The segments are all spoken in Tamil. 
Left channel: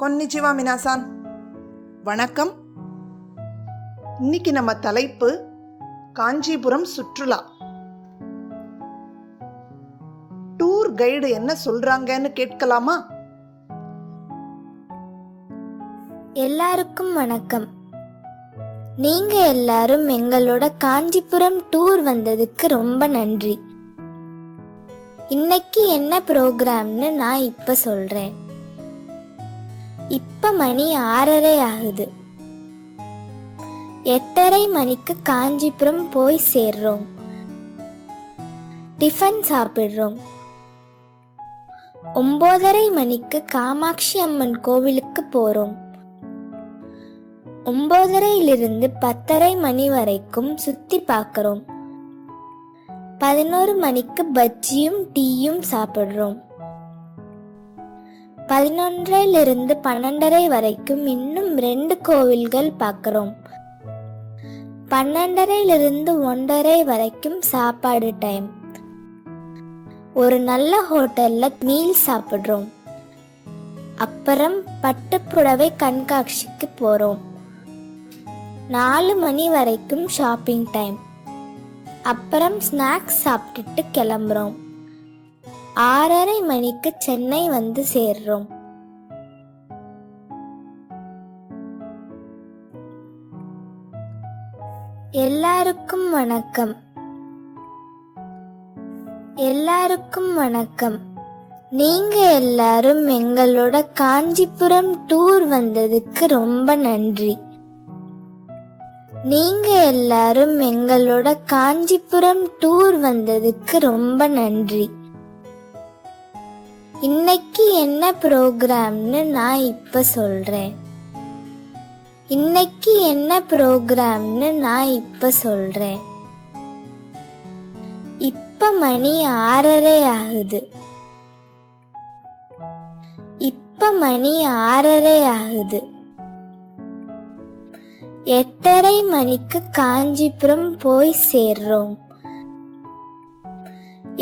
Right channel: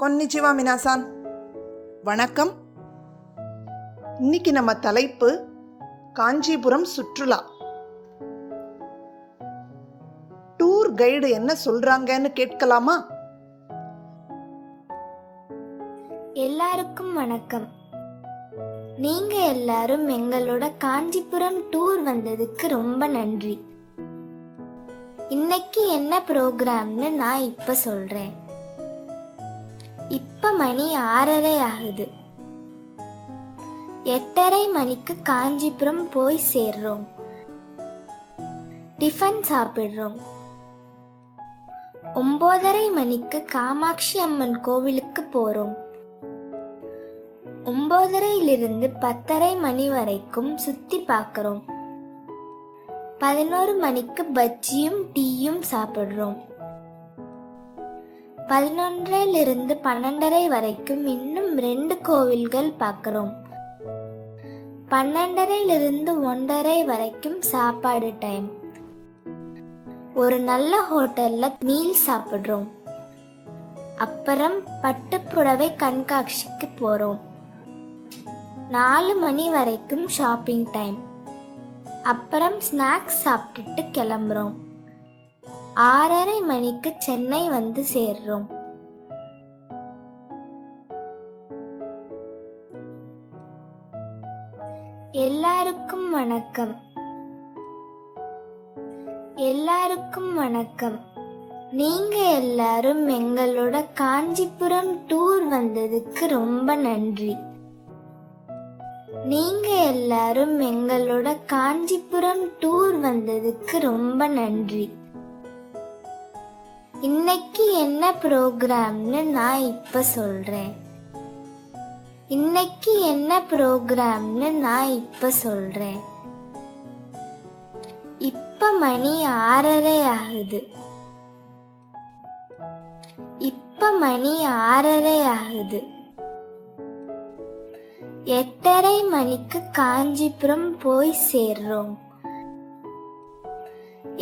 கொன்னிச்சிவா மினாசான், வணக்கம். இன்னைக்கு நம்ம தலைப்பு காஞ்சிபுரம் சுற்றுலா. டூர் கைடு என்ன சொல்றாங்கன்னு கேட்கலாமா? எல்லாருக்கும் வணக்கம். நீங்க எல்லாரும் எங்களோட காஞ்சிபுரம் டூர் வந்ததுக்கு ரொம்ப நன்றி. இன்னைக்கு என்ன ப்ரோக்ராம்னு நான் இப்ப சொல்றேன். இப்ப மணி 6:30 ஆகுது. 8:30 மணிக்கு காஞ்சிபுரம் போய் சேர்றோம். டிஃபன் சாப்பிடுறோம். 9:30 மணிக்கு காமாட்சி அம்மன் கோவிலுக்கு போறோம். 9:30 10:30 மணி வரைக்கும் சுத்தி பார்க்கிறோம். 11 மணிக்கு பஜ்ஜியும் டீயும் சாப்பிடுறோம். 11:00 12:30 வரைக்கும் இன்னும் 2 கோவில்கள் பார்க்கிறோம். 12:30 1:30 வரைக்கும் சாப்பாடு டைம். ஒரு நல்ல ஹோட்டல்ல மீல் சாப்பிடுறோம். அப்புறம் பட்டுப்புடவை கண்காட்சிக்கு போறோம். 4 மணி வரைக்கும் ஷாப்பிங் டைம். அப்புறம் ஸ்நாக்ஸ் சாப்பிட்டுட்டு கிளம்புறோம். 6:30 மணிக்கு சென்னை வந்து சேர்றோம். எல்லாருக்கும் வணக்கம். எல்லாருக்கும் வணக்கம். நீங்க எல்லாரும் எங்களோட காஞ்சிபுரம் டூர் வந்ததுக்கு ரொம்ப நன்றி. நீங்க எல்லாரும் எங்களோட காஞ்சிபுரம் டூர் வந்ததுக்கு ரொம்ப நன்றி. இன்னைக்கு என்ன ப்ரோக்ராம்னு நான் இப்ப சொல்றேன். இன்னைக்கு என்ன ப்ரோக்ராம்னு நான் இப்ப சொல்றேன். இப்ப மணி 6:30 ஆகுது. இப்ப மணி 6:30 ஆகுது. 8:30 மணிக்கு காஞ்சிபுரம் போய் சேர்றோம்.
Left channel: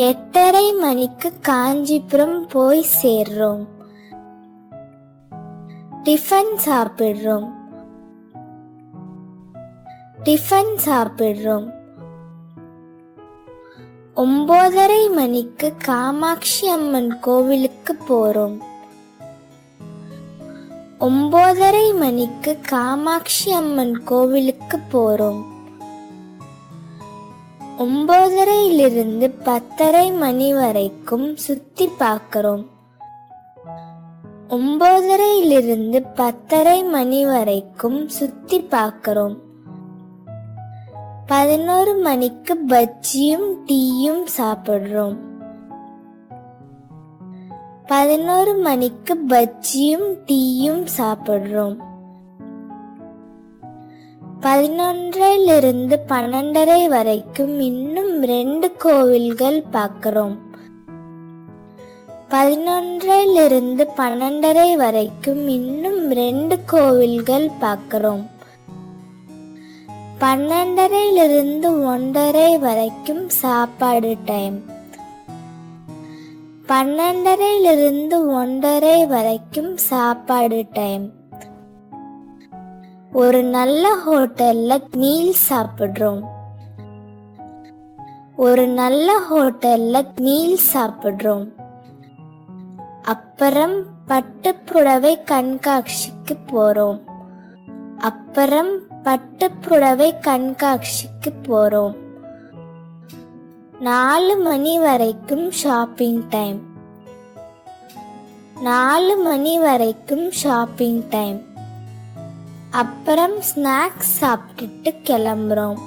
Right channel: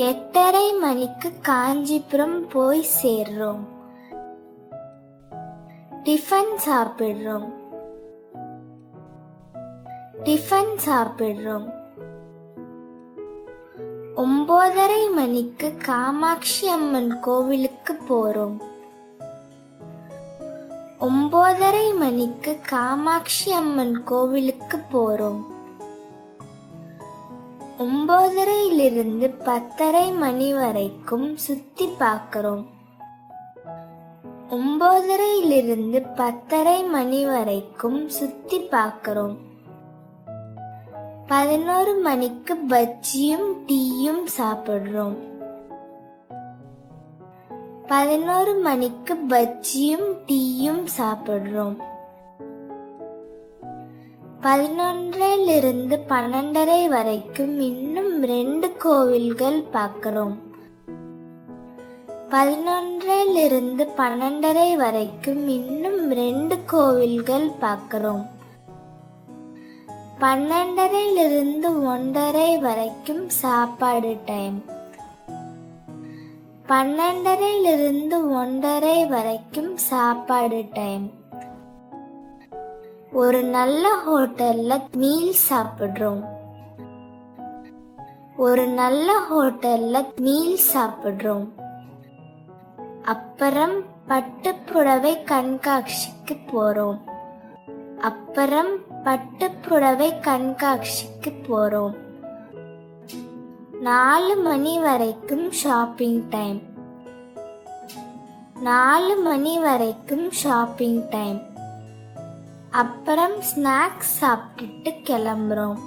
8:30 மணிக்கு காஞ்சிபுரம் போய் சேர்றோம். டிஃபன் சாப்பிடுறோம். டிஃபன் சாப்பிடுறோம். 9:30 மணிக்கு காமாட்சி அம்மன் கோவிலுக்கு போறோம். 9:30 மணிக்கு காமாட்சி அம்மன் கோவிலுக்கு போறோம். 9:30 10:30 மணி வரைக்கும் சுத்தி பார்க்கிறோம். 9:30 10:30 மணி வரைக்கும் சுத்தி பார்க்கிறோம். 11 மணிக்கு பஜ்ஜியும் டீயும் சாப்பிடுறோம். 11 மணிக்கு பஜ்ஜியும் டீயும் சாப்பிடுறோம். 11:00 12:30 வரைக்கும் இன்னும் 2 கோவில்கள் பார்க்கிறோம். 11:00 12:30 வரைக்கும் இன்னும் 2 கோவில்கள் பார்க்கிறோம். 12:30 1:30 வரைக்கும் சாப்பாடு டைம். 12:30 1:30 வரைக்கும் சாப்பாடு டைம். ஒரு நல்ல ஹோட்டல்ல மீல் சாப்பிடுறோம். ஒரு நல்ல ஹோட்டல்ல மீல் சாப்பிடுறோம். அப்புறம் பட்டுப்புடவை கண்காட்சிக்கு போறோம். அப்புறம் பட்டுப்புடவை கண்காட்சிக்கு போறோம். 4 மணி வரைக்கும் ஷாப்பிங் டைம். 4 மணி வரைக்கும் ஷாப்பிங் டைம். அப்புறம் ஸ்நாக்ஸ் சாப்பிட்டுட்டு கிளம்புறோம்.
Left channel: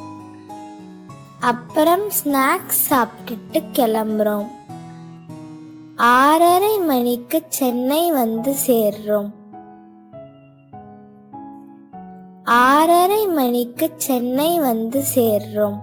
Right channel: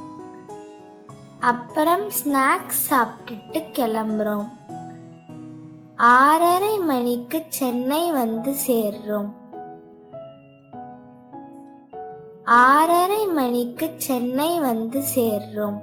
அப்புறம் ஸ்நாக்ஸ் சாப்பிட்டுட்டு கிளம்புறோம். 6:30 மணிக்கு சென்னை வந்து சேர்றோம். 6:30 மணிக்கு சென்னை வந்து சேர்றோம்.